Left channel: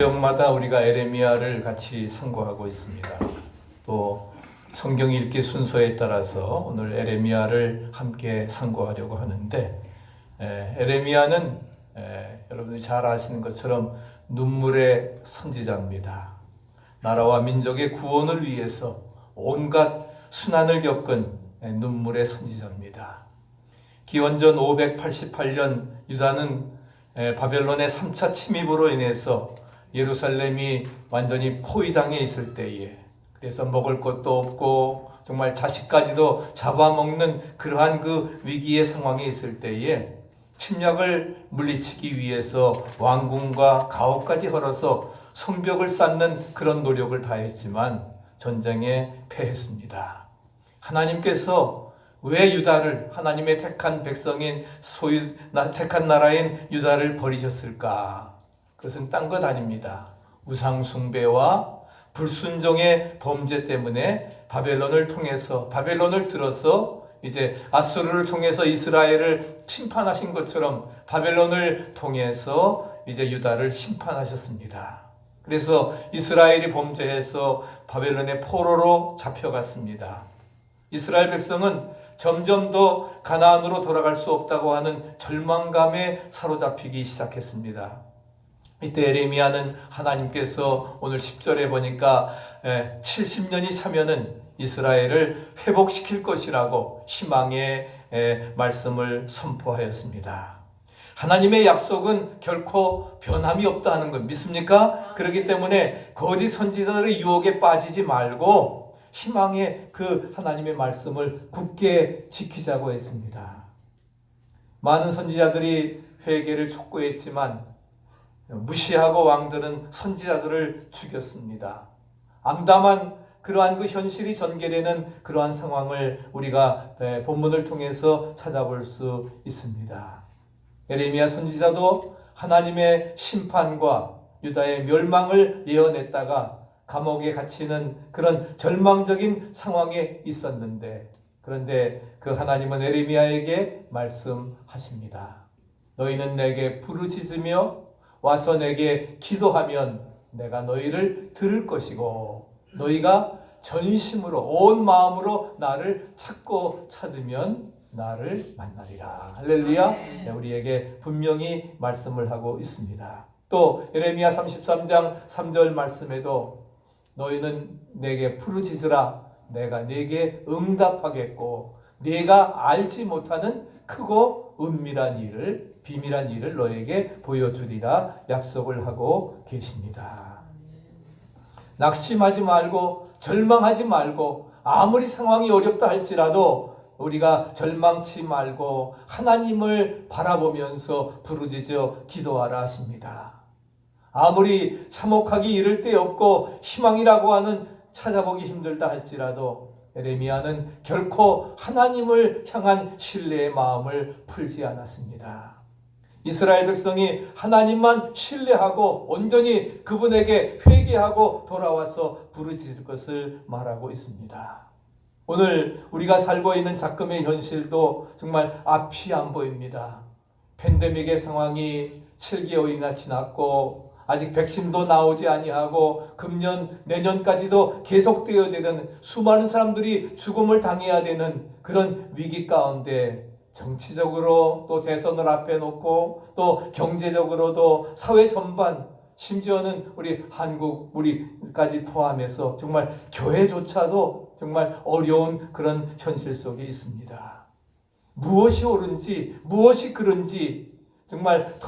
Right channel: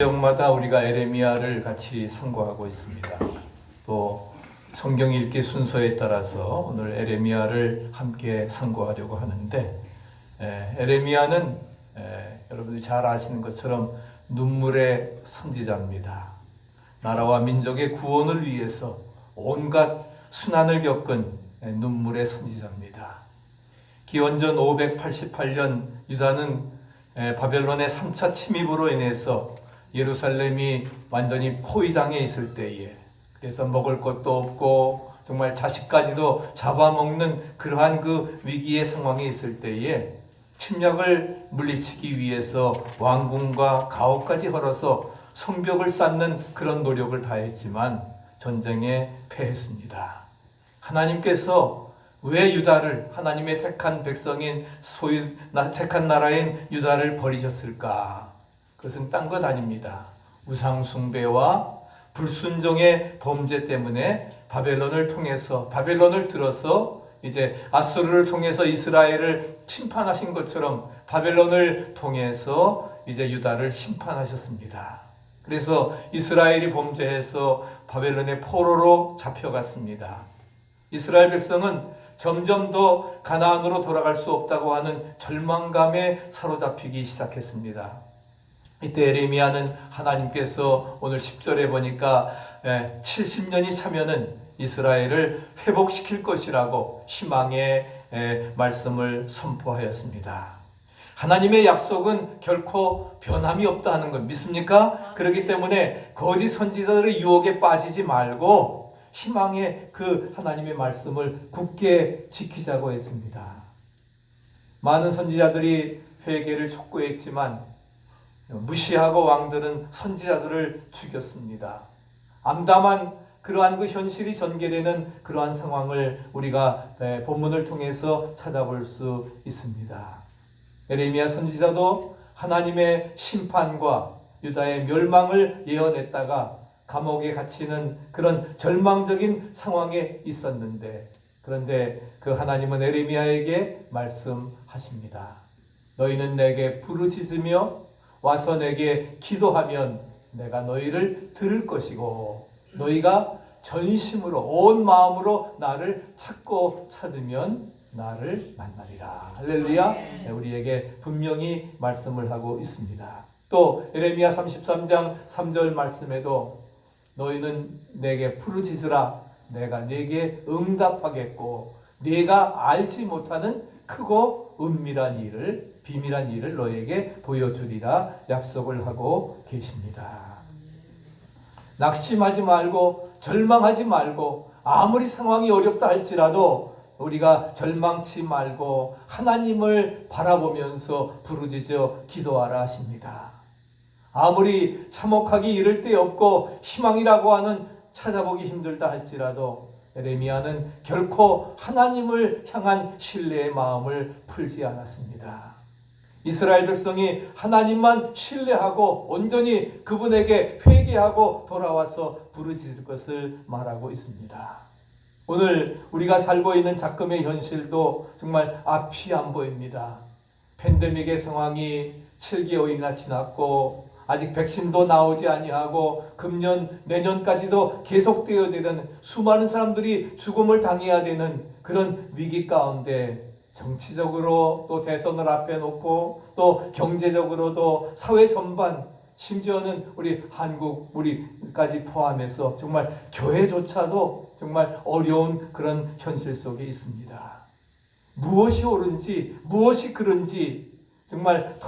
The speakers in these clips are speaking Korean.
주일마다 우리가 에레미야를 같이 상고하고 있습니다. 또 성경 읽기 순서에 따라서 오늘 에레미야를 함께 상고하려고 하는데, 에레미야는 여러분들이 잘 아시는 것처럼 눈물의 선지자입니다. 나라와 민족의 구원을 위해서 온갖 순환을 겪은 눈물의 선지자입니다. 기원전 588년 유다는 바벨론의 3차 침입으로 인해서 예루살렘이 완전히 포위당해 있을 때에, 그래서 먹을 것도 없고 정말 자식까지도 잡아먹는 그러한 그 위기의 상황에 있을 때에 침략을 물리치기 위해서 왕궁과 가옥까지 헐어서 성벽을 쌓는 그런 노력을 다했지만 전쟁에 패했습니다. 하나님께서 왜 유다를, 하나님의 택한 백성인 택한 나라인 유다를 버리셨을까? 그것은 딴 것 아닙니다. 우상 숭배와 불순종의 범죄 때문에 바벨론을 들어서 이제 아수르를 통해서 이스라엘을 심판하신 것처럼 바벨론을 통해서 이제 유다를 심판하셨습니다. 그래서 이스라엘이 범죄해서 바벨론의 포로로 잡혀갔습니다. 이스라엘 백성은 점점 더 가나안으로 돌아갈 수 없다고 하는 절망감에 사로잡히기 시작했습니다. 이때 에레미야는 하나님께서 오늘 10절에 보니까 70년이 차면은 이스라엘을 회복시킬 것이라고 희망의 말씀을 선포하였습니다. 하나님의 약속은 결코 변함이 없다 하는 것 믿습니까? 그렇기 때문에 거짓 선지자들의 유혹에 빠지지 말고 희망의 그 하나님의 말씀을 굳게 지키자고 했습니다. 많은 선지자들이 회개를 촉구했지만 무시하고 왕들은 선지자들을 죽였습니다. 암담한 그러한 그 현실이 전개되는 그러한 상황을 우리가 본문을 통해서 찾아볼 수 있습니다. 에레미야 선지자도 하나님의 심판과 유다의 멸망을 예언했다가 감옥에 갇히는 그런 절망적인 상황에 있었는데, 그런데 그 하나님은 에레미야에게 말씀하십니다. 너희는 내게 부르짖으며 와서 내게 기도하면 내가 너희를 들을 것이고, 너희가 전심으로 온 마음으로 나를 찾고 찾으면 나를 만나리라. 할렐루야. 우리에게 분명히 말씀을 하고 있습니다. 또 에레미야 33장 3절 말씀에도 너희는 내게 부르짖으라 내가 네게 응답하겠고 네가 알지 못하는 크고 은밀한 일을, 비밀한 일을 너에게 보여주리라 약속을 하고 계십니다. 낙심하지 말고 절망하지 말고 아무리 상황이 어렵다 할지라도 우리가 절망치 말고 하나님을 바라보면서 부르짖어 기도하라 하십니다. 아무리 참혹하기 이를 데 없고 희망이라고 하는 찾아보기 힘들다 할지라도 에레미야는 결코 하나님을 향한 신뢰의 마음을 풀지 않았습니다. 이스라엘 백성이 하나님만 신뢰하고 온전히 그분에게 회개하고 돌아와서 부르짖을 것을 말하고 있습니다. 오늘 우리가 살고 있는 작금의 현실도 정말 앞이 안 보입니다. 팬데믹의 상황이 7개월이나 지났고 아직 백신도 나오지 아니하고 금년 내년까지도 계속되어야 되는 수많은 사람들이 죽음을 당해야 되는 그런 위기 가운데 정치적으로 또 대선을 앞에 놓고 또 경제적으로도 사회 전반 심지어는 우리 한국 우리까지 포함해서 정말 교회조차도 정말 어려운 그런 현실 속에 있습니다. 무엇이 옳은지 무엇이 그른지 정말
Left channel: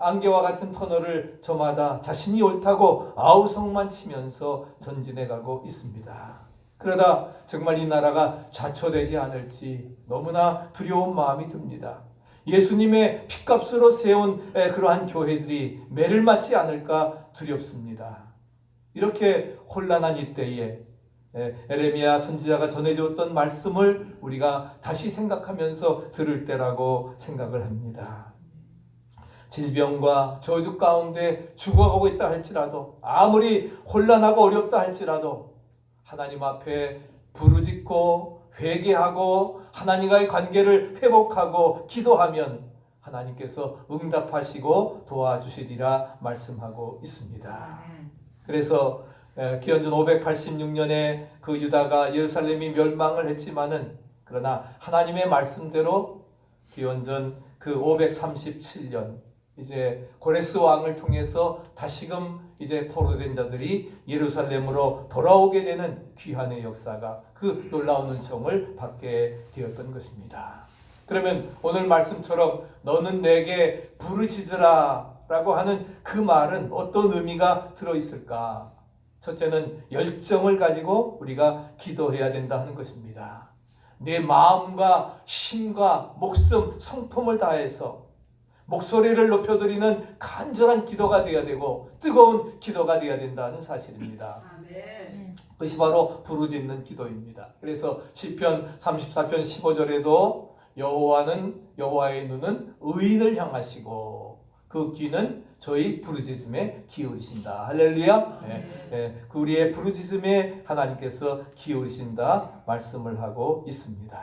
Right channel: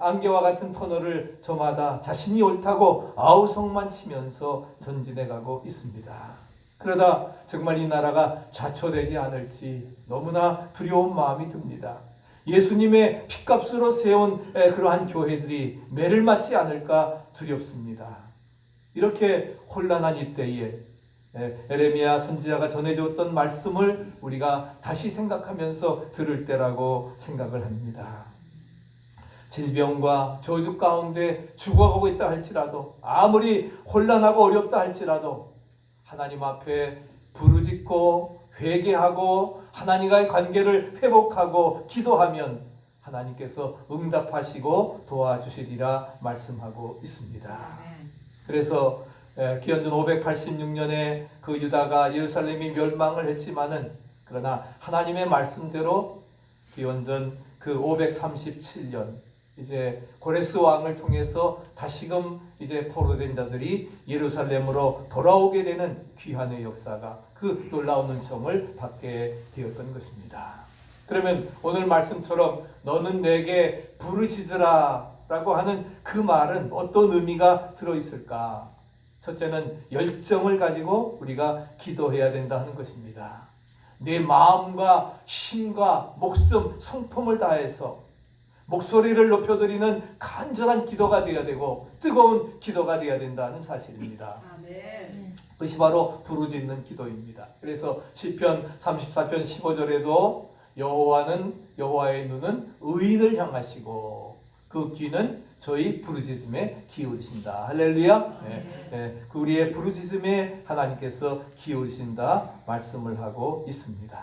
안개와 같은 터널을 저마다 자신이 옳다고 아우성만 치면서 전진해가고 있습니다. 그러다 정말 이 나라가 좌초되지 않을지 너무나 두려운 마음이 듭니다. 예수님의 핏값으로 세운 그러한 교회들이 매를 맞지 않을까 두렵습니다. 이렇게 혼란한 이때에 에레미야 선지자가 전해주었던 말씀을 우리가 다시 생각하면서 들을 때라고 생각을 합니다. 질병과 저주 가운데 죽어가고 있다 할지라도 아무리 혼란하고 어렵다 할지라도 하나님 앞에 부르짖고 회개하고 하나님과의 관계를 회복하고 기도하면 하나님께서 응답하시고 도와주시리라 말씀하고 있습니다. 그래서 기원전 586년에 그 유다가 예루살렘이 멸망을 했지만은 그러나 하나님의 말씀대로 기원전 그 537년 이제 고레스 왕을 통해서 다시금 이제 포로된 자들이 예루살렘으로 돌아오게 되는 귀환의 역사가 그 놀라운 은총을 받게 되었던 것입니다. 그러면 오늘 말씀처럼 너는 내게 부르짖으라 라고 하는 그 말은 어떤 의미가 들어있을까? 첫째는 열정을 가지고 우리가 기도해야 된다 하는 것입니다. 내 마음과 힘과 목숨, 성품을 다해서 목소리를 높여드리는 간절한 기도가 되어야 되고 뜨거운 기도가 되어야 된다는 사실입니다. 아멘. 그것이 바로 부르짖는 기도입니다. 그래서 시편 34편 15절에도 여호와의 눈은 의인을 향하시고 그 귀는 저희 부르짖음에 기울이신다. 할렐루야. 그 우리의 부르짖음에 하나님께서 기울이신다 말씀을 하고 있습니다.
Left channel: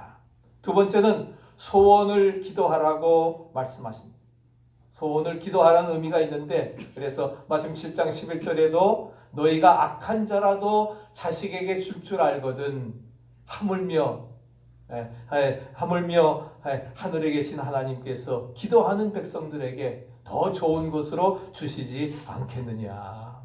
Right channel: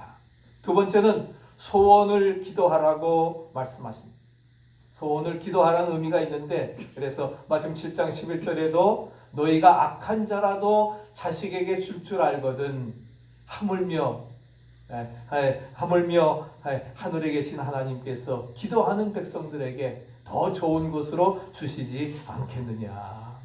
두 번째는 소원을 기도하라고 말씀하십니다. 소원을 기도하라는 의미가 있는데 그래서 마태복음 7장 11절에도 너희가 악한 자라도 자식에게 줄 줄 알거든 하물며 하늘에 계신 하나님께서 기도하는 백성들에게 더 좋은 것으로 주시지 않겠느냐.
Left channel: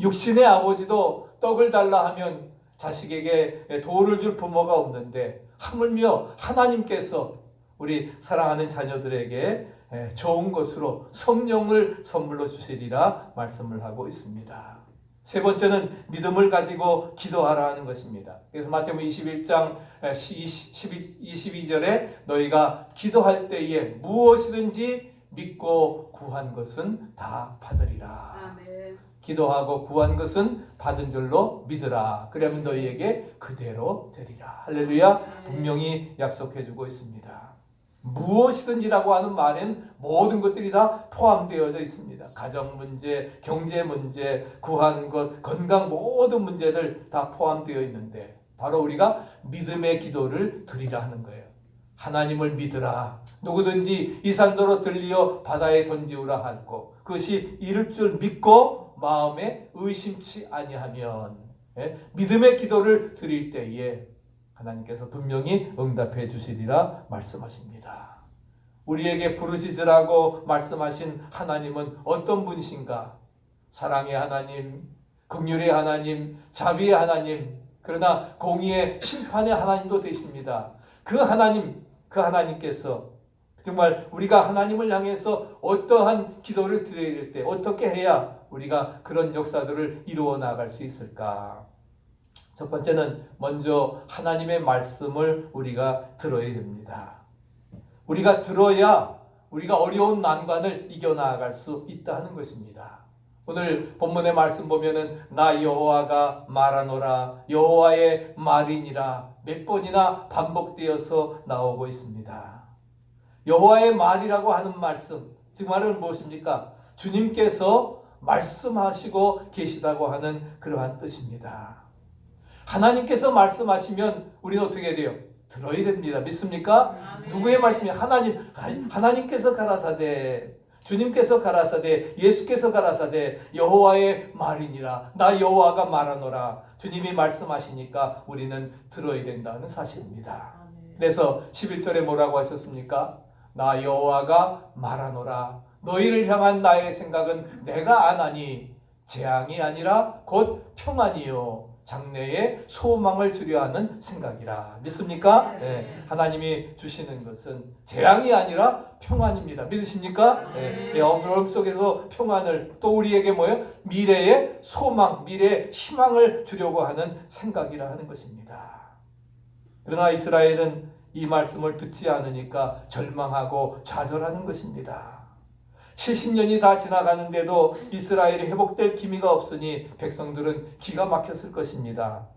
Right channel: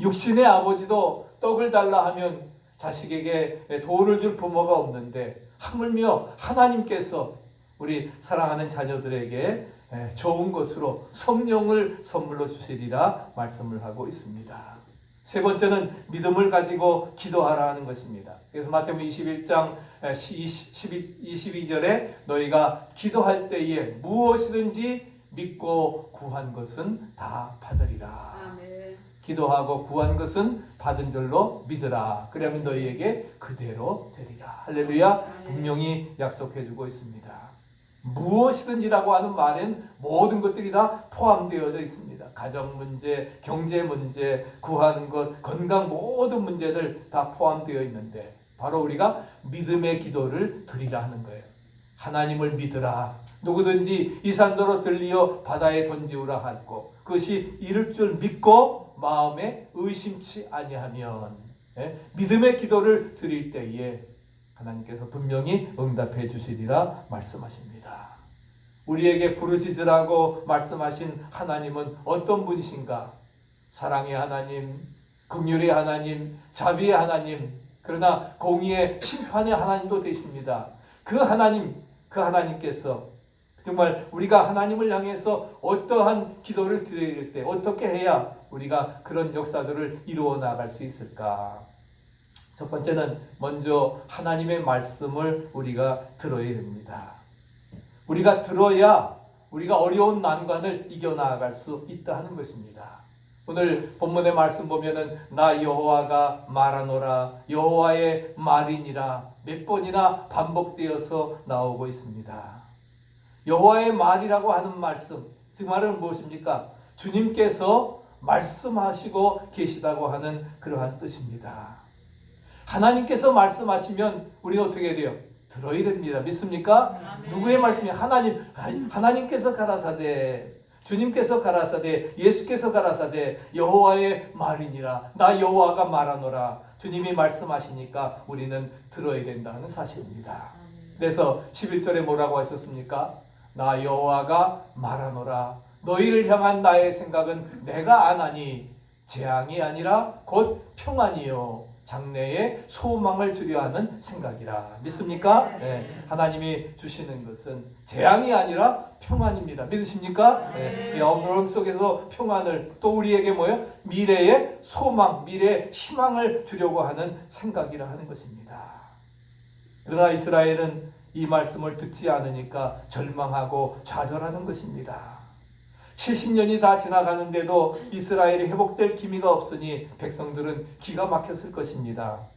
육신의 아버지도 떡을 달라 하면 자식에게 돌을 줄 부모가 없는데 하물며 하나님께서 우리 사랑하는 자녀들에게 좋은 것으로 성령을 선물로 주시리라 말씀을 하고 있습니다. 세 번째는 믿음을 가지고 기도하라 하는 것입니다. 그래서 마태복음 21장 22절에 너희가 기도할 때에 무엇이든지 믿고 구한 것은 다 받으리라. 아멘. 기도하고 구한 것은 받은 줄로 믿으라. 그러면 너희에게 그대로 되리라. 할렐루야. 분명히 약속해주고 있습니다. 무엇이든지라고 하는 말엔 모든 것들이 다 포함되어져 있습니다. 가정 문제, 경제 문제, 구한 것, 건강 모든 문제들 다 포함되어 있는데 바로 우리가 믿음의 기도를 드리라 하는 거예요. 하나님을 믿으라. 누구든지 이 산더러 들리어 바다에 던지우라 하고 그것이 이룰 줄 믿고 마음에 의심치 아니하면 믿음의 기도를 드릴 때에 하나님께서 분명히 응답해 주시리라 말씀하십니다. 우리에게 부르짖으라고 말씀하신 하나님은 어떤 분이신가? 사랑의 하나님, 긍휼의 하나님, 자비의 하나님, 그러나 공의의 심판의 하나님도 되십니다. 그 하나님께서 정말 우리가 하나님을 향해서 어떠한 기도를 드릴 때 어떻게 해야 우리가 그런 역사들을 이루어 나갈 수 있을까? 첫 번째는 먼저 하나님의 말씀을 우리가 들어야 됩니다. 우리가 들어야 우리가 어려운 난관을 이겨나갈 수 있다는 것입니다. 오늘 본문의 말씀 보면은 나 여호와가 말하노라 여호와의 말이니라 몇 번이나 반복되어서 나오고 있습니다. 여호와의 말이라고 하는 말씀, 즉 말은 무엇입니까? 주님께서 말씀하시고 계시다고 하는 그러한 뜻입니다. 하나님께서 말씀하시면 우리는 어떻게 돼요? 들어야 됩니다. 믿습니까? 아멘. 누구의 말씀이 하나님께서 가라사대, 주님께서 가라사대, 예수께서 가라사대 여호와의 말이니라 나 여호와가 말하노라. 주님이 말씀하시니까 우리는 들어야 된다는 사실입니다. 그래서 11절에 뭐라고 하셨습니까? 나 여호와가 말하노라 너희를 향한 나의 생각은 내가 아나니 재앙이 아니라 곧 평안이요 장래에 소망을 주려 하는 생각이라. 믿습니까? 네. 하나님이 주시는 것은 재앙이 아니라 평안입니다. 믿으십니까? 네. 어려움 속에서 평안을 또 우리에게 뭐예요? 미래의 소망, 미래의 희망을 주려고 하는 생각이라 하는 것입니다. 그러나 이스라엘은 이 말씀을 듣지 않으니까 절망하고 좌절하는 것입니다. 70년이 다 지나가는데도 이스라엘이 회복될 기미가 없으니 백성들은 기가 막혔을 것입니다.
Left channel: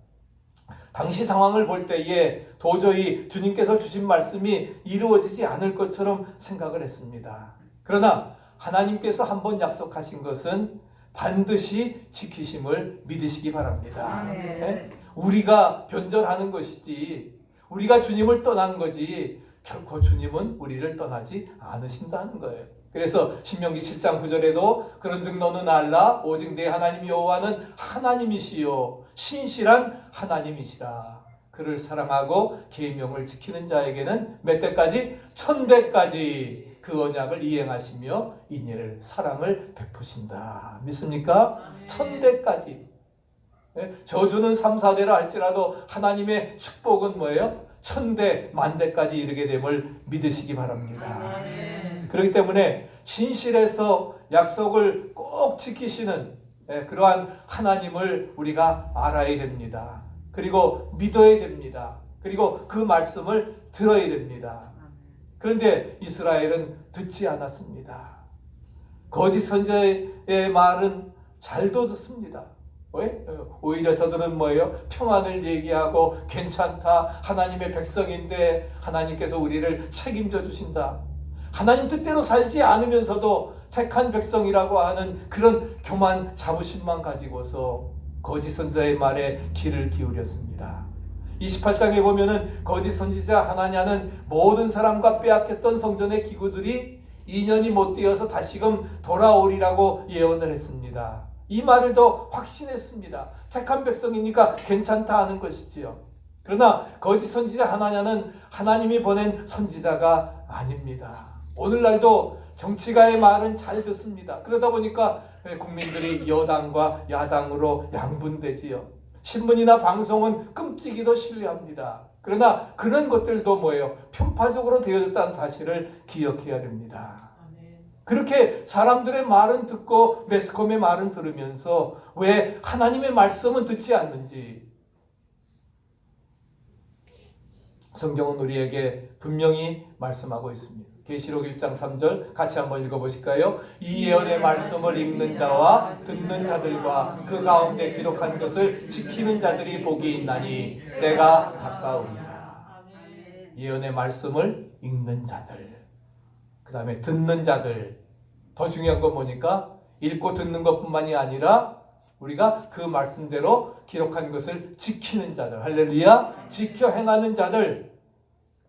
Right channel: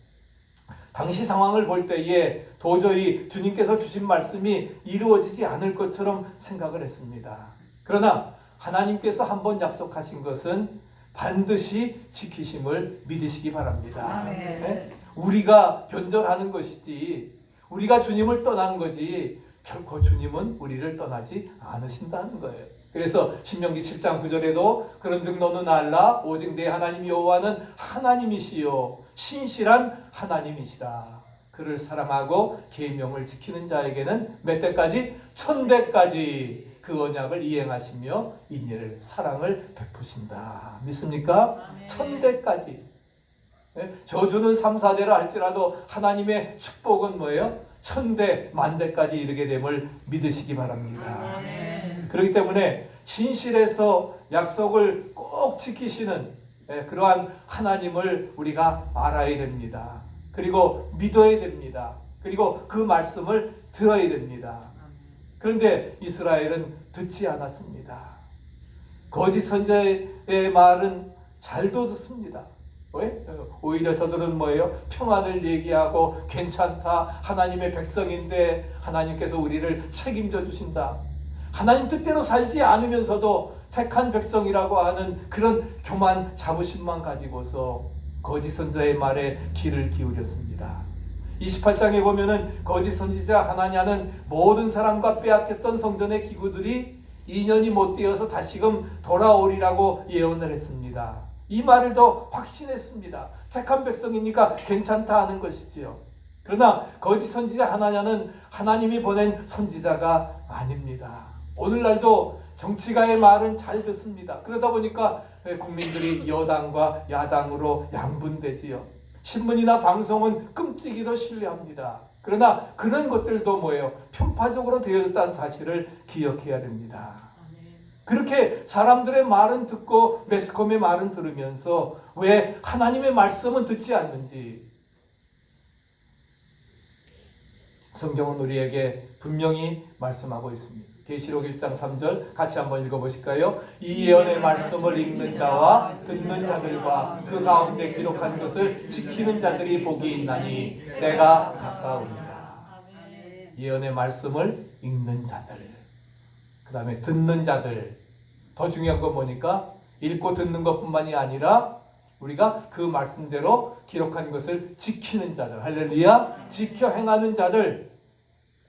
당시 상황을 볼 때에 도저히 주님께서 주신 말씀이 이루어지지 않을 것처럼 생각을 했습니다. 그러나 하나님께서 한번 약속하신 것은 반드시 지키심을 믿으시기 바랍니다. 네? 우리가 변절하는 것이지 우리가 주님을 떠난 거지 결코 주님은 우리를 떠나지 않으신다는 거예요. 그래서 신명기 7장 9절에도 그런즉 너는 알라 오직 내 하나님 여호와는 하나님이시요 신실한 하나님이시라. 그를 사랑하고 계명을 지키는 자에게는 몇 대까지? 1000대까지 그 언약을 이행하시며 인애를 사랑을 베푸신다. 믿습니까? 1000대까지. 저주는 3, 4대라 할지라도 하나님의 축복은 뭐예요? 1000대, 10,000대까지 이르게 됨을 믿으시기 바랍니다. 그렇기 때문에 신실해서 약속을 꼭 지키시는 그러한 하나님을 우리가 알아야 됩니다. 그리고 믿어야 됩니다. 그리고 그 말씀을 들어야 됩니다. 그런데 이스라엘은 듣지 않았습니다. 거짓 선지자의 말은 잘도 듣습니다. 왜? 오히려 저들은 뭐예요? 평안을 얘기하고 괜찮다. 하나님의 백성인데 하나님께서 우리를 책임져 주신다. 하나님 뜻대로 살지 않으면서도 택한 백성이라고 하는 그런 교만 자부심만 가지고서 거짓 선지자의 말에 귀를 기울였습니다. 28장에 보면은 거짓 선지자 하나냐는 모든 사람과 빼앗겼던 성전의 기구들이 2년이 못 되어서 다시금 돌아오리라고 예언을 했습니다. 이 말을 더 확신했습니다. 택한 백성이니까 괜찮다 하는 것이지요. 그러나 거짓 선지자 하나냐는 하나님이 보낸 선지자가 아닙니다. 오늘날도 정치가의 말은 잘 듣습니다. 그러다 보니까 국민들이 여당과 야당으로 양분되지요. 신문이나 방송은 끔찍이도 신뢰합니다. 그러나 그런 것들도 뭐예요? 편파적으로 되어졌다는 사실을 기억해야 됩니다. 그렇게 사람들의 말은 듣고 매스컴의 말은 들으면서 왜 하나님의 말씀은 듣지 않는지 성경은 우리에게 분명히 말씀하고 있습니다. 계시록 1장 3절 같이 한번 읽어보실까요? 이 예언의 말씀을 읽는 자와 듣는 자들과 그 가운데 기록한 것을 지키는 자들이 복이 있나니 때가 가까우니라. 예언의 말씀을 읽는 자들, 그 다음에 듣는 자들. 더 중요한 건 뭐니까? 읽고 듣는 것뿐만이 아니라 우리가 그 말씀대로 기록한 것을 지키는 자들. 할렐루야. 지켜 행하는 자들.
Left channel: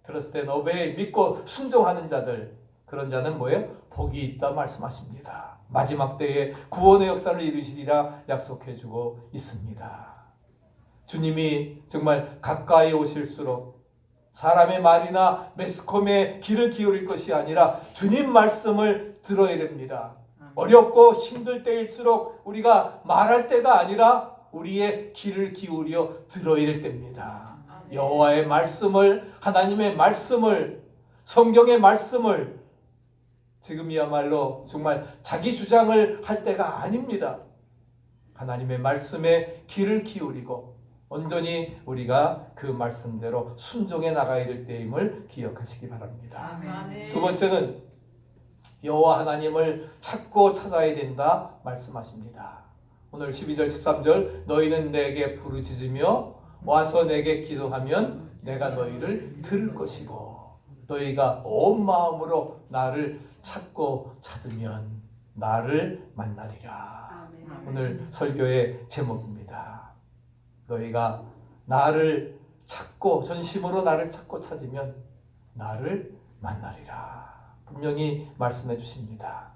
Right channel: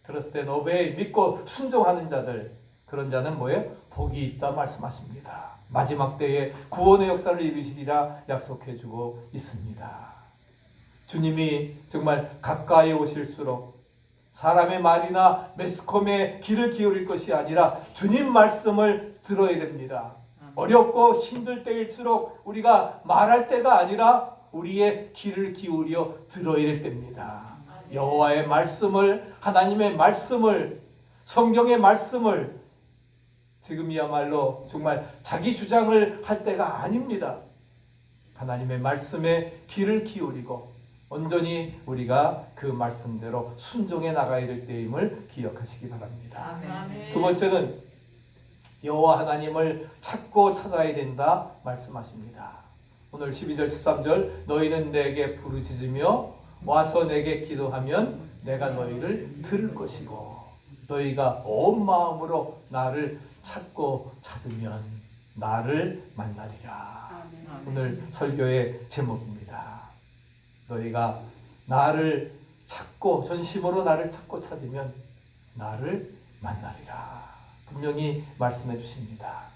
들었을 때 오베이 믿고 순종하는 자들. 그런 자는 뭐예요? 복이 있다 말씀하십니다. 마지막 때에 구원의 역사를 이루시리라 약속해주고 있습니다. 주님이 정말 가까이 오실수록 사람의 말이나 매스컴에 귀를 기울일 것이 아니라 주님 말씀을 들어야 됩니다. 어렵고 힘들 때일수록 우리가 말할 때가 아니라 우리의 귀를 기울여 들어야 될 때입니다. 여호와의 말씀을, 하나님의 말씀을, 성경의 말씀을 지금이야말로 정말 자기 주장을 할 때가 아닙니다. 하나님의 말씀에 귀를 기울이고 온전히 우리가 그 말씀대로 순종해 나가야 될 때임을 기억하시기 바랍니다. 두 번째는 여호와 하나님을 찾고 찾아야 된다 말씀하십니다. 오늘 12절 13절 너희는 내게 부르짖으며 와서 내게 기도하면 내가 너희를 들을 것이고 너희가 온 마음으로 나를 찾고 찾으면 나를 만나리라. 오늘 설교의 제목입니다. 너희가 나를 찾고 전심으로 나를 찾고 찾으면 나를 만나리라. 분명히 말씀해 주십니다.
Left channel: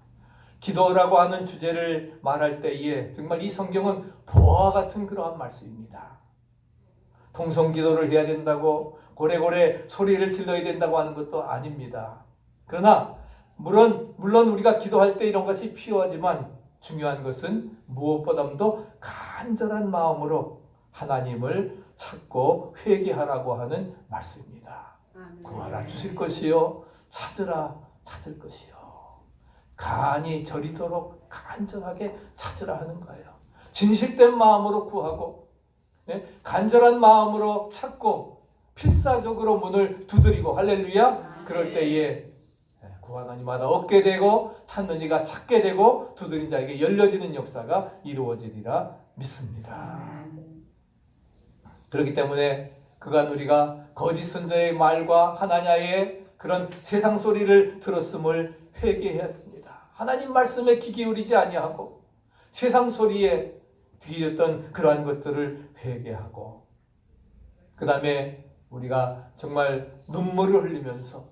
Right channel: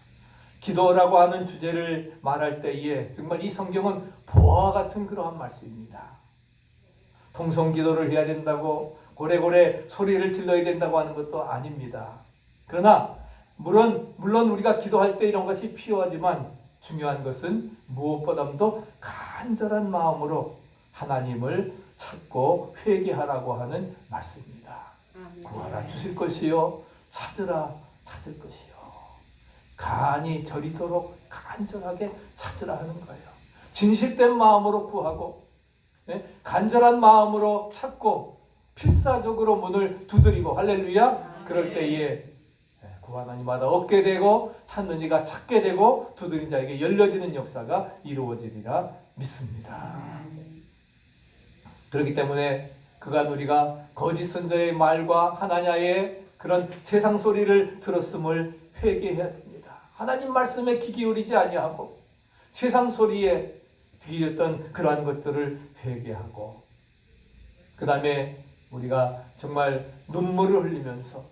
기도라고 하는 주제를 말할 때에 정말 이 성경은 보화와 같은 그러한 말씀입니다. 통성기도를 해야 된다고 고래고래 소리를 질러야 된다고 하는 것도 아닙니다. 그러나 물론 우리가 기도할 때 이런 것이 필요하지만 중요한 것은 무엇보다도 간절한 마음으로 하나님을 찾고 회개하라고 하는 말씀입니다. 구하라 주실 것이요 찾으라 찾을 것이요. 간이 저리도록 간절하게 찾으라 하는 거예요. 진실된 마음으로 구하고 간절한 마음으로 찾고 필사적으로 문을 두드리고 할렐루야. 그럴 때에 구하는 이마다 얻게 되고 찾는 이가 찾게 되고 두드린 자에게 열려지는 역사가 이루어지리라 믿습니다. 그렇기 때문에 그간 우리가 거짓 선지자의 말과 하나냐의 그런 세상 소리를 들었음을 회개해야 됩니다. 하나님 말씀에 귀 기울이지 아니하고 세상 소리에 뒤졌던 그러한 것들을 회개하고 그 다음에 우리가 정말 눈물을 흘리면서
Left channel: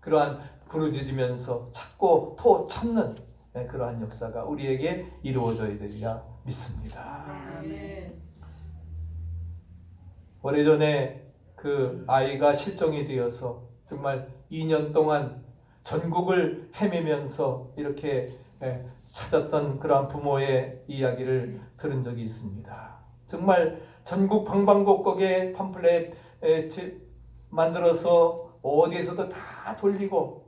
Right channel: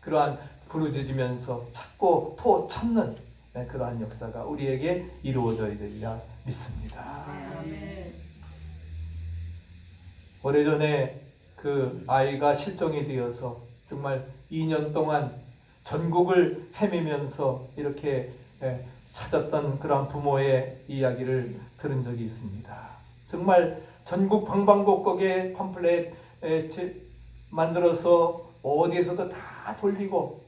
그러한 부르짖으면서 찾고 또 찾는 그러한 역사가 우리에게 이루어져야 되리라 믿습니다. 오래전에 그 아이가 실종이 되어서 정말 2년 동안 전국을 헤매면서 이렇게 찾았던 그런 부모의 이야기를 들은 적이 있습니다. 정말 전국 방방곡곡에 팜플렛 만들어서 어디에서도 다 돌리고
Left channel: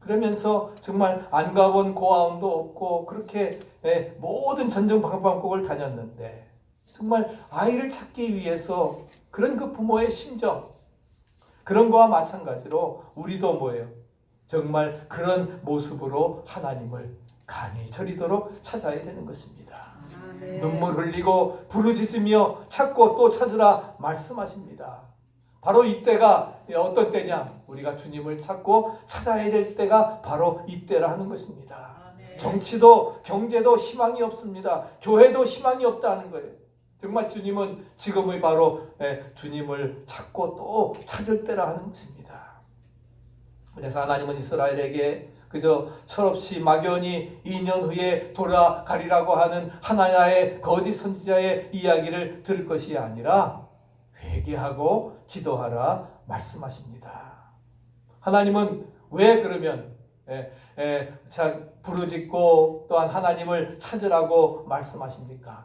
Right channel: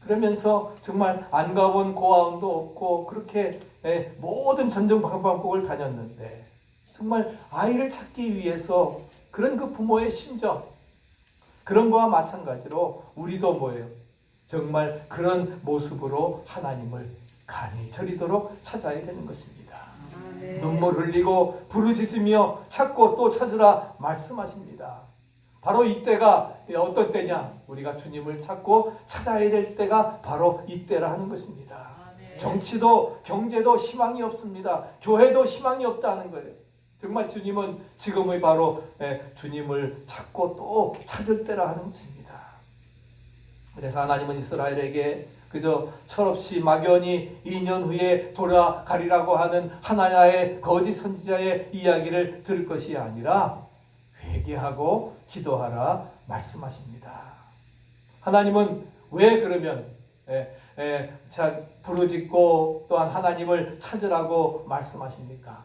그러면서 정말 안 가본 고아원도 없고 그렇게 모든 전국 방방곡곡을 다녔는데 정말 아이를 찾기 위해서 그런 그 부모의 심정 그런 거와 마찬가지로 우리도 뭐예요? 정말 그런 모습으로 하나님을 간이 저리도록 찾아야 되는 것입니다. 눈물 흘리고 부르짖으며 찾고 또 찾으라 말씀하십니다. 바로 이때가 어떤 때냐? 우리가 주님을 찾고 찾아야 될 때가 바로 이때라 하는 것입니다. 정치도 경제도 희망이 없습니다. 교회도 희망이 없다는 거예요. 정말 주님은 지금의 바로 주님을 찾고 또 찾을 때라 하는 것입니다. 그래서 하나님은 이스라엘에게 그저 철없이 막연히 2년 후에 돌아가리라고 하는 하나야의 거짓 선지자의 이야기를 들을 것이 아니라 회개하고 기도하라 말씀하십니다. 하나님은 왜 그러면 부르짖고 또한 하나님을 찾으라고 말씀하십니까?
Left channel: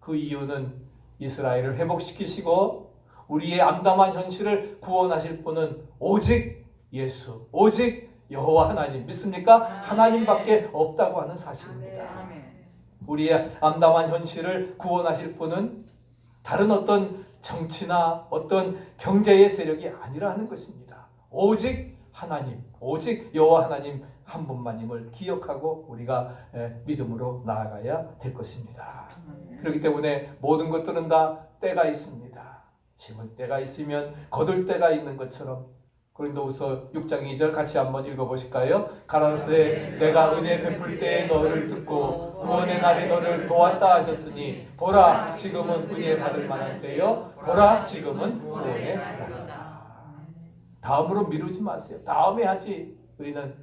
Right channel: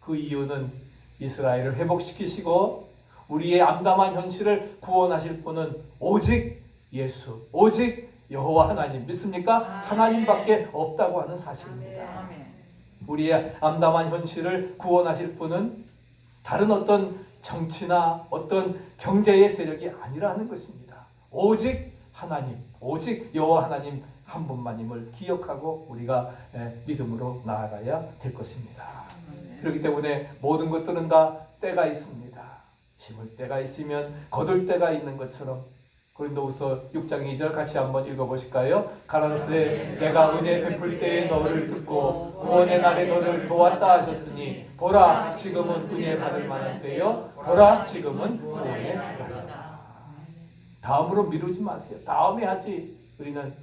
그 이유는 이스라엘을 회복시키시고 우리의 암담한 현실을 구원하실 분은 오직 예수, 오직 여호와 하나님 믿습니까? 하나님밖에 없다고 하는 사실입니다. 우리의 암담한 현실을 구원하실 분은 다른 어떤 정치나 어떤 경제의 세력이 아니라는 것입니다. 오직 하나님, 오직 여호와 하나님 한 분만임을 기억하고 우리가 믿음으로 나아가야 될 것입니다. 그렇기 때문에 모든 것들은 다 때가 있습니다. 심을 때가 있으면 거둘 때가 있는 것처럼 고린도후서 6장 2절 같이 한번 읽어보실까요? 가로되 내가 은혜 베풀 때에 너를 듣고 구원의 날에 너를 도왔다 하셨으니 보라 지금은 은혜 받을 만한 때요 보라 지금은 구원의 날이다. 다음으로 미루지 마세요. 다음에 하지. 우리는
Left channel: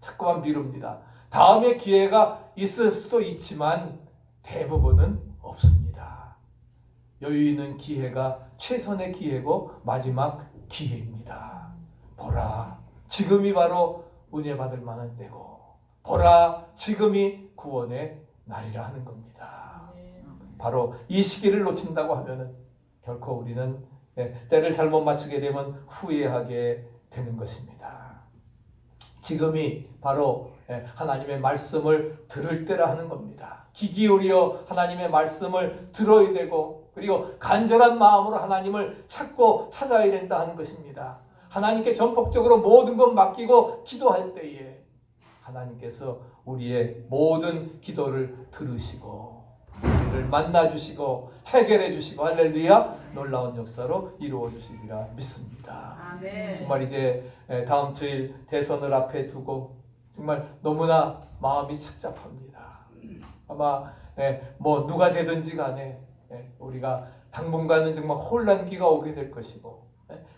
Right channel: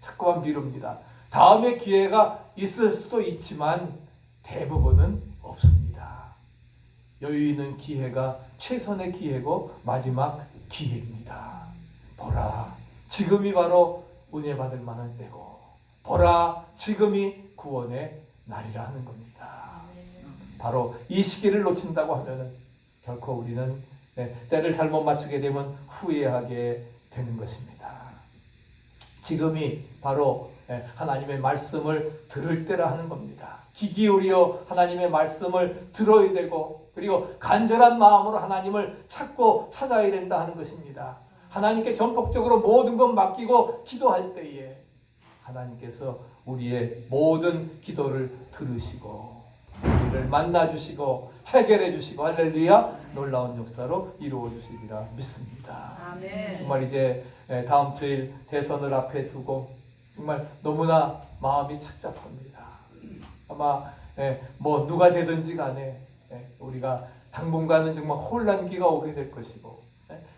자꾸만 미룹니다. 다음에 기회가 있을 수도 있지만 대부분은 없습니다. 여유 있는 기회가 최선의 기회고 마지막 기회입니다. 보라 지금이 바로 은혜 받을 만한 때고 보라 지금이 구원의 날이라 하는 겁니다. 바로 이 시기를 놓친다고 하면은 결코 우리는 때를 잘못 맞추게 되면 후회하게 되는 것입니다. 지금이 바로 하나님의 말씀을 들을 때라 하는 겁니다. 귀 기울여 하나님의 말씀을 들어야 되고 그리고 간절한 마음으로 하나님을 찾고 찾아야 된다 하는 것입니다. 하나님께 전폭적으로 모든 것 맡기고 기도할 때에 하나님께서 우리의 모든 기도를 들으시고 우리를 만나주시고 해결해주시고 할렐루야 놀라운 역사로 이루어주시리라 믿습니다. 정말 이제 다음 주일 대선을 앞에 두고 정말 너무나 마음이 착잡합니다. 아마 뭐 누가 되든지 간에 우리가 당분간은 정말 혼란기가 오게 될 것이고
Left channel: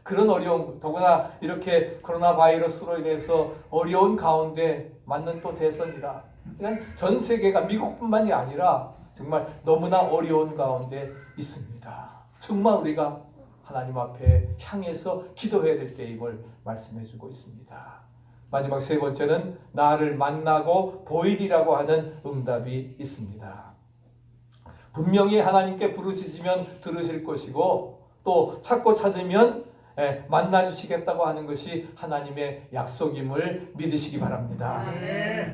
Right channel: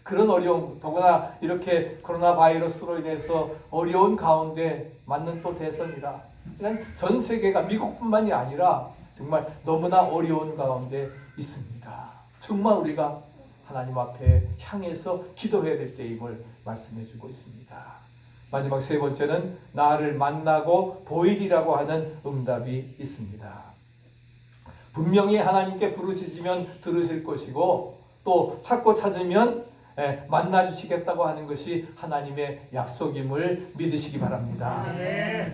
그런 어려움, 더구나 이렇게 코로나 바이러스로 인해서 어려운 가운데 맞는 또 대선이라 그냥 전 세계가 미국뿐만이 아니라 정말 너무나 어려운 가운데 있습니다. 정말 우리가 하나님 앞에 향해서 기도해야 될 때임을 말씀해 주고 있습니다. 마지막 세 번째는 나를 만나고 보이리라고 하는 응답이 있습니다. 분명히 하나님께 부르짖으면 들으실 것이고 또 찾고 찾으면 만나주시겠다고 하는 것이 하나님의 약속임을 믿으시기 바랍니다.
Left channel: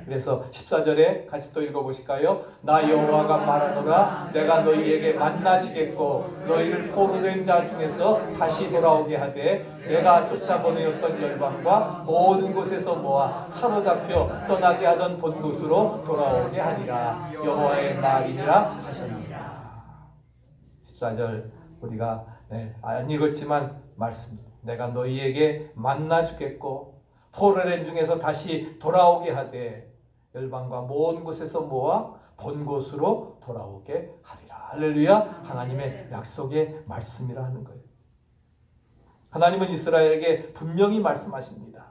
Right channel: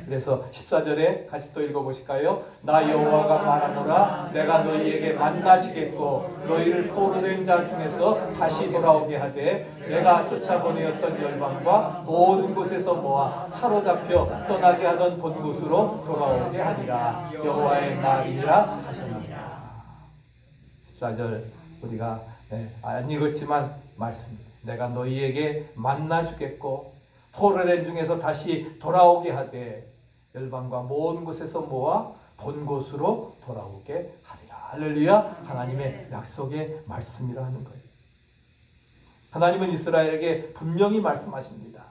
그래서 14절에 같이 또 읽어보실까요? 나 여호와가 말하노라 내가 너희에게 만나시겠고 너희를 포로된 자 중에서 다시 돌아오게 하되 내가 쫓아보내었던 열방과 모든 곳에서 모아 사로잡혀 떠나게 하던 본 곳으로 돌아오게 하리라. 여호와의 말이니라 하셨느니라. 14절 우리가 안 읽었지만 말씀 내가 너희에게 만나 주겠고 포로된 중에서 다시 돌아오게 하되 열방과 모든 곳에서 모아 본 곳으로 돌아오게 하리라. 할렐루야. 하나님의 약속의 말씀이라 하는 거예요. 하나님은 이스라엘에게 분명히 말씀하십니다.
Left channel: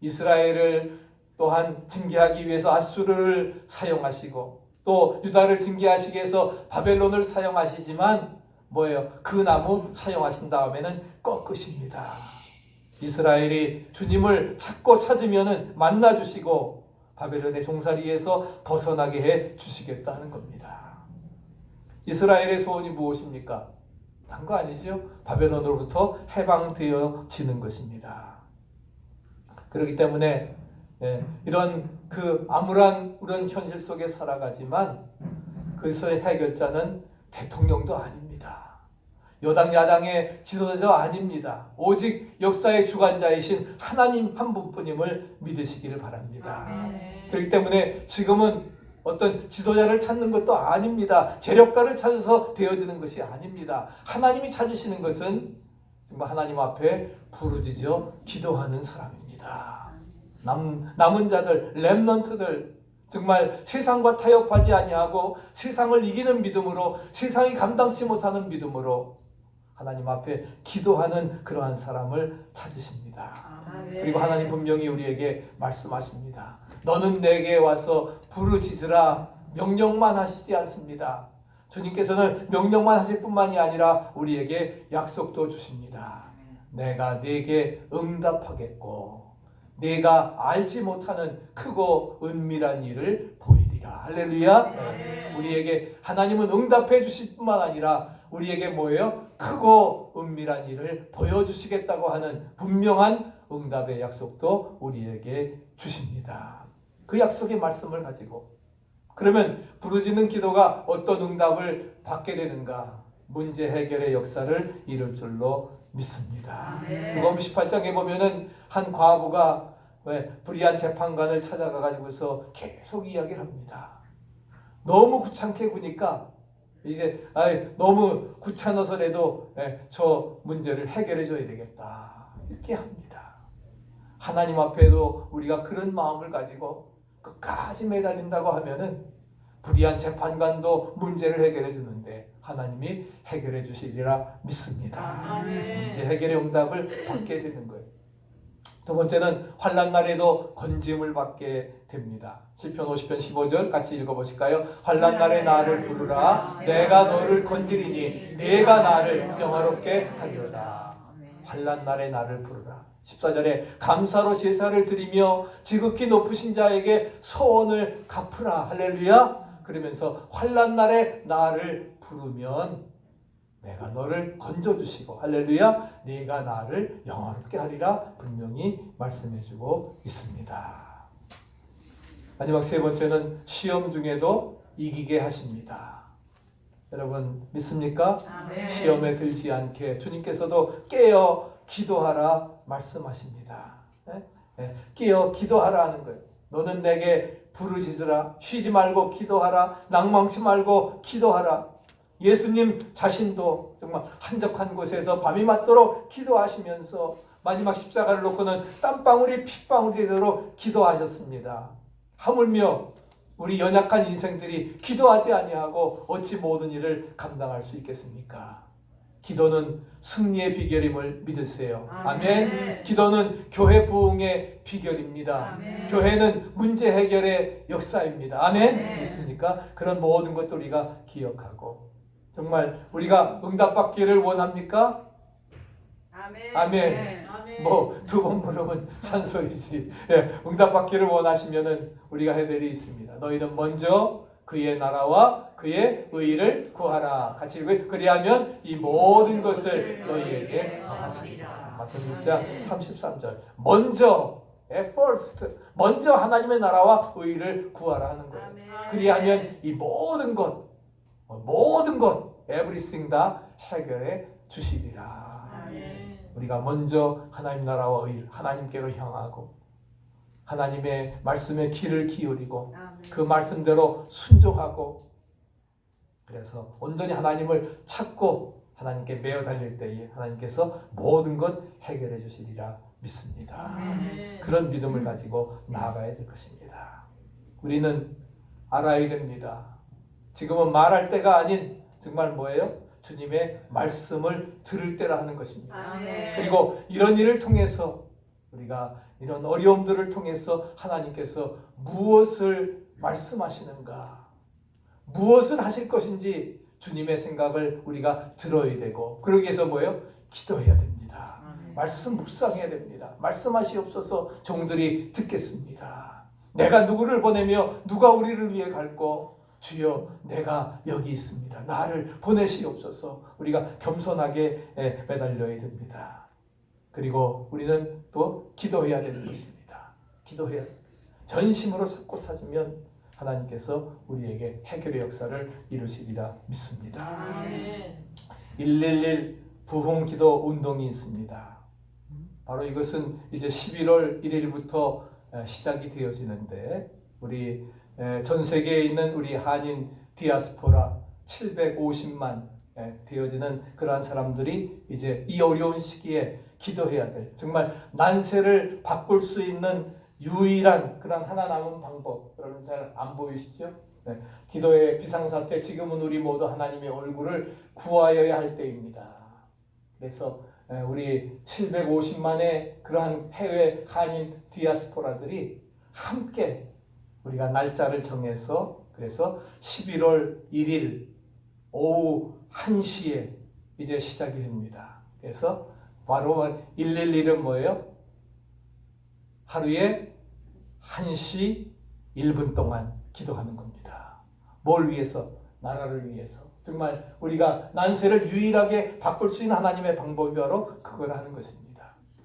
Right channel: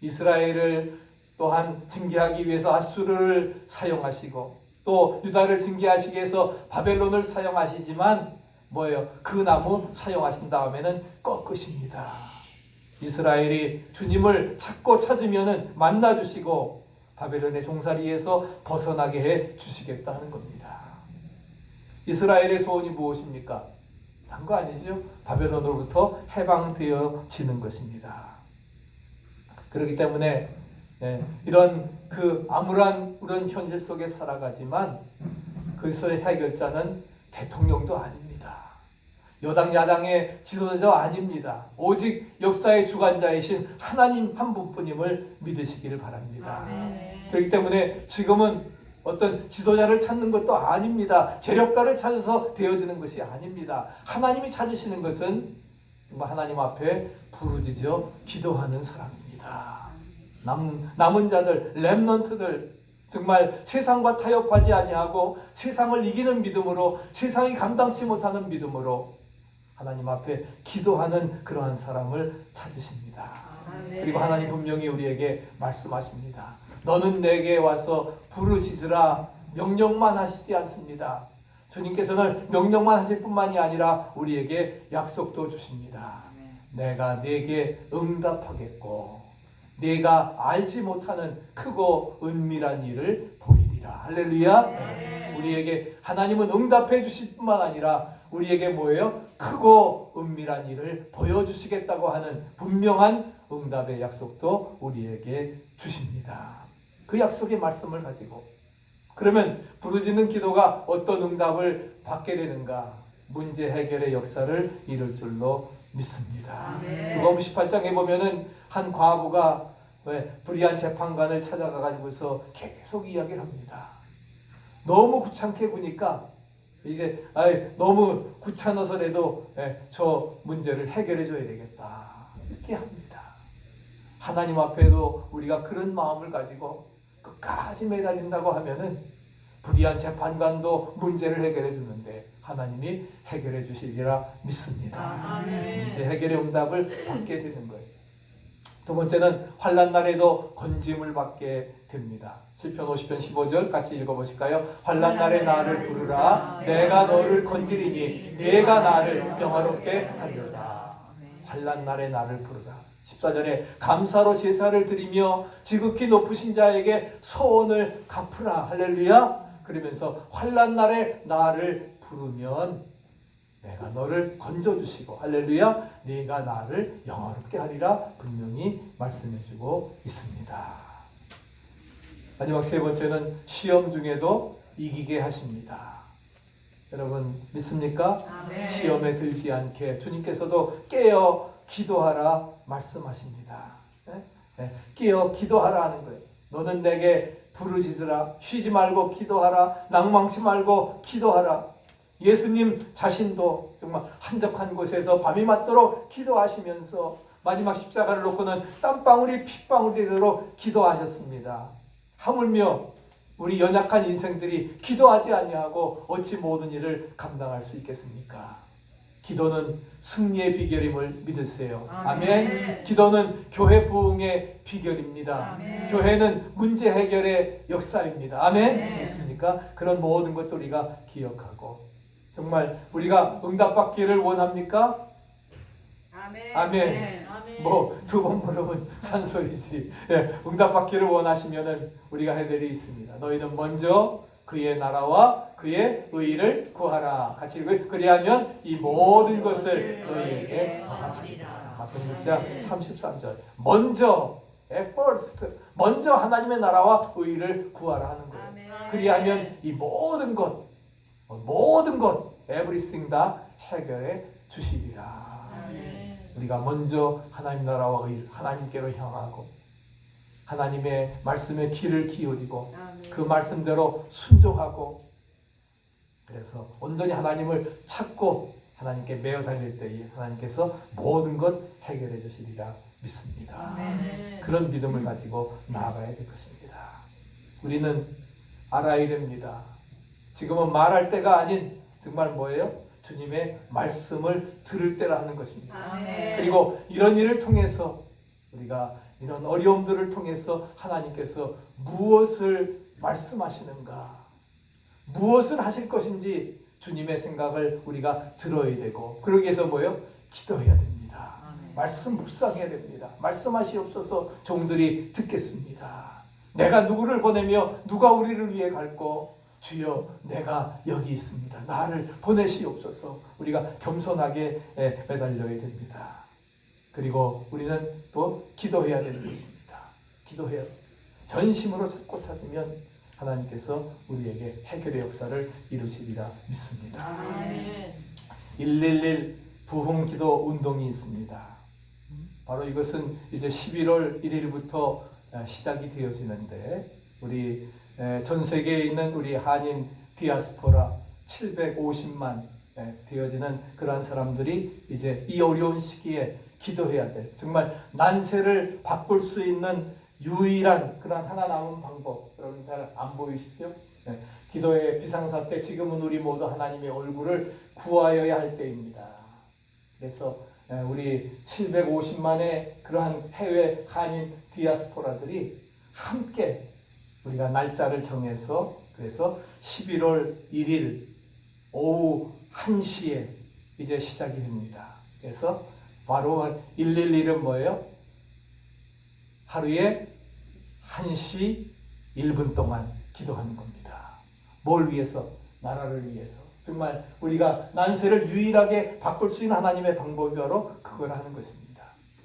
이스라엘을 또한 징계하기 위해서 아수르를 사용하시고 또 유다를 징계하시기 위해서 바벨론을 사용하시지만 뭐예요? 그 나무 사용하신 다음에는 꺾으십니다. 이스라엘이 주님을 찾고 찾으면은 만나 주시고 바벨론의 종살이에서 벗어나게 해 주시겠다 하는 겁니다. 이스라엘의 소원이 무엇입니까? 단 거 아니죠? 바벨론으로부터 해방되어지는 것입니다. 그렇기 때문에 이런 그 암울한 그런 현실 속에 살아가지만 그리스도의 해결자는 대통령도 아닙니다. 여당 야당의 지도자도 아닙니다. 오직 역사의 주관자이신 하나님 한 분뿐임을 믿으시기를 바랍니다. 그렇기 때문에 지금은 어떤 지도자를 찾는 것도 아닙니다. 재력가를 찾아서 되어지는 것이 아닙니다. 하나님이 찾으시는 것은 정말 하나님 앞에 부르짖어 기도하는 사람입니다. 남은 자들, 렘넌트들, 정말 세상과 타협하지 아니하고 세상을 이기는 믿음으로, 세상이 감당치 못하는 믿음으로 하나님 앞에 기도하는 그러한 사람을 찾으십니다. 그리고 하나님 분명히 우리에게 말씀하십니다. 너는 내게 와서 부르짖으라. 명령만 하시지 않습니다. 주님께서는 명령만 하실 뿐만이 아니라 우리에게 약속도 주십니다. 내가 네게 응답하겠고 네가 알지 못하는 크고 은밀한 일을 보이리라. 할렐루야. 우리에게 하나님은 응답해 주실 뿐만 아니라 우리에게 뭐예요? 크고 은밀한 일을 보여주시겠다고 하는 분명한 응답의 약속도 우리에게 주십니다. 그 약속의 말씀을 가지고 그러면 부르짖는 기도가 어떤 응답을 받게 되는가? 문제 해결의 역사를 이룰 줄로 믿습니다. 누가복음 18장에 보면은 한 과부가 불의한 재판관을 찾아가가지고서 계속 이야기를 합니다. 너무 귀찮게 구니까 이제 너무 귀찮아서라도 저 문제를 해결해 줘야 되겠다 이렇게 합니다. 하나님 앞에도 우리가 그런 마음을 가지고 끝까지 매달린다고 하면은 불의한 재판관도 문제를 해결해 주는데 하나님이 해결해 주시리라 믿습니다. 문제 해결의 응답을 받게 되는 거예요. 두 번째는 환난 날에도 건짐을 받게 됩니다. 시편 50편 15절 같이 읽어보실까요? 환난 날에 나를 부르라. 내가 너를 건지리니 내가 나를 영화롭게 하리로다. 환난 날에 나를 부르라. 14절에 감사로 제사를 드리며 지극히 높으신 자에게 소원을 갚으라. 할렐루야. 그러면서 환난 날에 나를 부르면 내가 너를 건져주시고 할렐루야 네가 나를 영화롭게 하리라 분명히 말씀해주고 있습니다. 마지막 세 번째는 시험 중에도 이기게 하십니다. 여러분 믿습니까? 시험에 들지 않게 주님께서도 깨어 기도하라 말씀하십니다. 깨어 기도하라 하는 거예요. 너는 내게 부르짖으라. 쉬지 말고 기도하라. 낭망치 말고 기도하라. 예수님 자신도 정말 한적한 곳에서 밤이 맞도록 기도하시면서 마지막 십자가를 놓고는 땀방울이 핏방울이 되도록 기도하셨습니다. 하물며 우리 연약한 인생들이 기도하지 아니하고 어찌 모든 일을 감당할 수 있겠습니까? 기도는 승리의 비결임을 믿으세요. 아멘. 기도는 교회 부흥의 비결입니다. 아멘. 교회는 문제 해결의 역사입니다. 아멘. 믿습니까? 그런 모든 것도 우리가 기억하고 정말 우리가 응답받기를 원합니까? 아멘. 아멘. 뭐 두 번 물으면 잔소리지. 응답받기를 원하시면은 우리가 해야 될 일이 있습니다. 너희는 먼저 그의 나라와 그의 의를 구하라. 같이 읽어요. 그리하면 이 모든 것을 너희에게 더하시리라. 마태복음 6장 33절. 먼저 first 먼저 하나님의 나라와 의를 구하라 하는 거예요. 그리하면 이 모든 것 everything 다 해결해 주시리라. 우리가 먼저 하나님 나라와 의 하나님께로 향하고 하나님의 말씀에 귀를 기울이고 그 말씀대로 순종하고 그래서 온전히 하나님을 찾고 하나님께 매어 달릴 때에 하나님께서 모든 것 해결해 주시리라 믿습니다. 그런 믿음을 가지고 나아가야 될 것입니다. 우리는 알아야 됩니다. 지금은 말할 때가 아닌 정말 뭐예요? 주님의 말씀을 들을 때라 하는 것입니다. 아멘. 그리고 이런 일을 통해서 우리가 이런 어려움들을 통해서 하나님께서 무엇을 말씀하시는가, 무엇을 하실 것인지 주님의 생각을 우리가 들어야 되고, 그러기 위해서 뭐예요? 기도해야 됩니다. 말씀 묵상해야 됩니다. 말씀하시옵소서. 종들이 듣겠습니다. 내가 누구를 보내며 누가 우리를 위해 갈고, 주여 내가 여기 있습니다. 나를 보내시옵소서. 우리가 겸손하게 매달려야 됩니다. 그리고 우리는 또 기도해야 되는 것입니다. 기도해야 전심으로 찾고 찾으면 하나님께서 우리에게 해결의 역사를 이루시리라 믿습니다. 아멘. 111 부흥기도 운동이 있습니다. 바로 이것은 이제 11월 1일부터 시작이 되어지는데, 우리 전 세계에 있는 우리 한인 디아스포라 750만 되어지는 그러한 사람들이 이제 이 어려운 시기에 기도해야 될, 정말 난세를 바꿀 수 있는 유일한 그런 하나 남은 방법, 여러분 잘 안 보이시죠? 기도의 비상사태, 지금은 우리 모두 하나님의 얼굴을 구하여야 할 때입니다. 그래서 우리 750만의 그러한 해외 한인 디아스포라들이 함께 우리가 날짜를 정해서, 그래서 11월 1일 오후 1시에 이제 시작이 됩니다. 그래서 바로 111은 뭐예요? 하루에 1시 1분 동안 기도하는 겁니다. 뭘 위해서? 나라를 위해서. 정말 우리가 난세를 유일하게 바꿀 수 있는 하나님의 방법이 바로 그걸 하는 것입니다.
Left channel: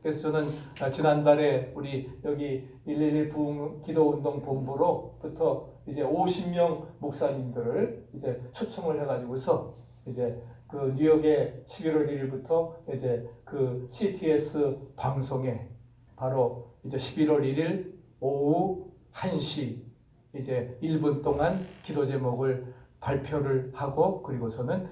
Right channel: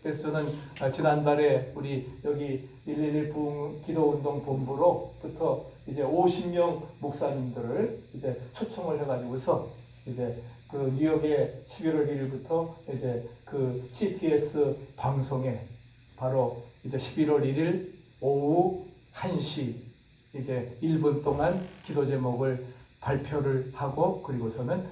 그래서 저는 지난달에 우리 여기 111 부흥 기도운동 본부로부터 이제 50명 목사님들을 이제 초청을 해가지고서 이제 그 뉴욕의 11월 1일부터 이제 그 CTS 방송에 바로 이제 11월 1일 오후 1시 이제 1분 동안 기도 제목을 발표를 하고, 그리고서는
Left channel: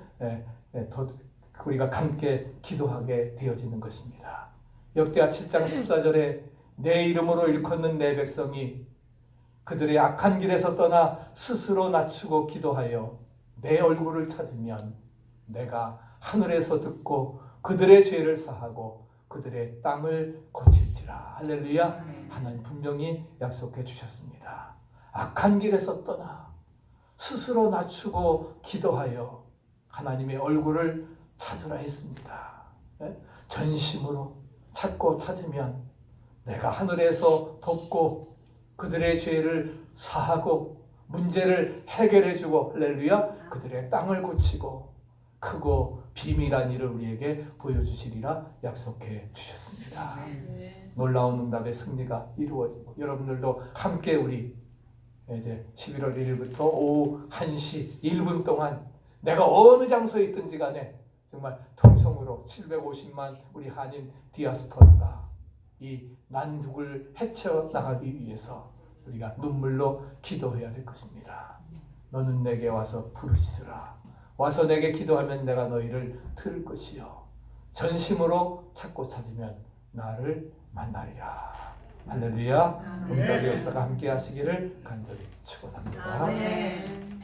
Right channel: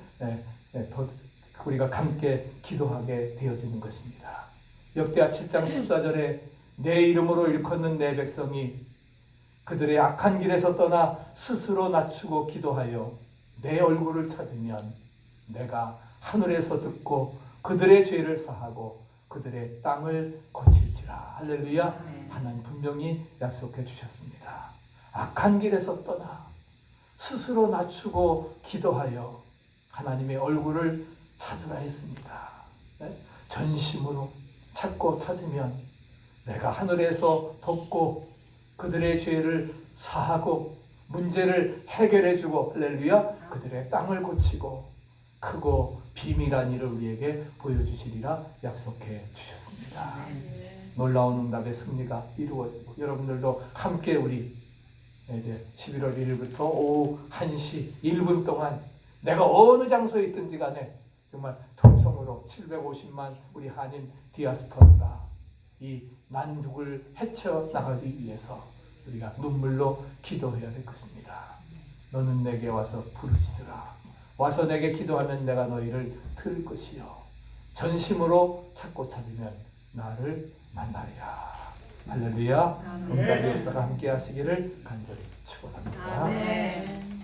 우리가 함께 기도하게 되어지는 것입니다. 역대하 7장 14절에 내 이름으로 일컫는 내 백성이 그들의 악한 길에서 떠나 스스로 낮추고 기도하여 내 얼굴을 찾으면 내가 하늘에서 듣고 그들의 죄를 사하고 그들의 땅을 고칠지라. 할렐루야. 하나님 분명히 약속해 주셨습니다. 악한 길에서 떠나 스스로 낮추고 기도하여 하나님의 얼굴을 찾으라 했습니다. 전심으로 찾고 찾으면 내가 하늘에서 돕고 그들의 죄를 사하고 문제를 해결해 주고, 할렐루야, 그들의 땅을 고치고 크고 비밀한 일을 우리에게 보여주시리라 약속해 주셨습니다. 놀라운 응답의 승리가 이루어지고, 여러분들도 함께 우리 이제 11월 1일부터 오후 1시 1분 동안 내가 어느 장소에 있든지 간에 정말 통성으로 750만 우리 한인 디아스포라가 이 난국을 헤쳐나가기 위해서 우리가 눈물로 기도해야 될 것입니다. 너는 내게 와서 부르시라. 와서 내게 기도하면 내가 너희를 들을 것이요 전심으로 찾고 찾으면 나를 만나리라. 할렐루야. 오늘까지 역사가 함께 하시기를 간절히 축원합니다. 아멘.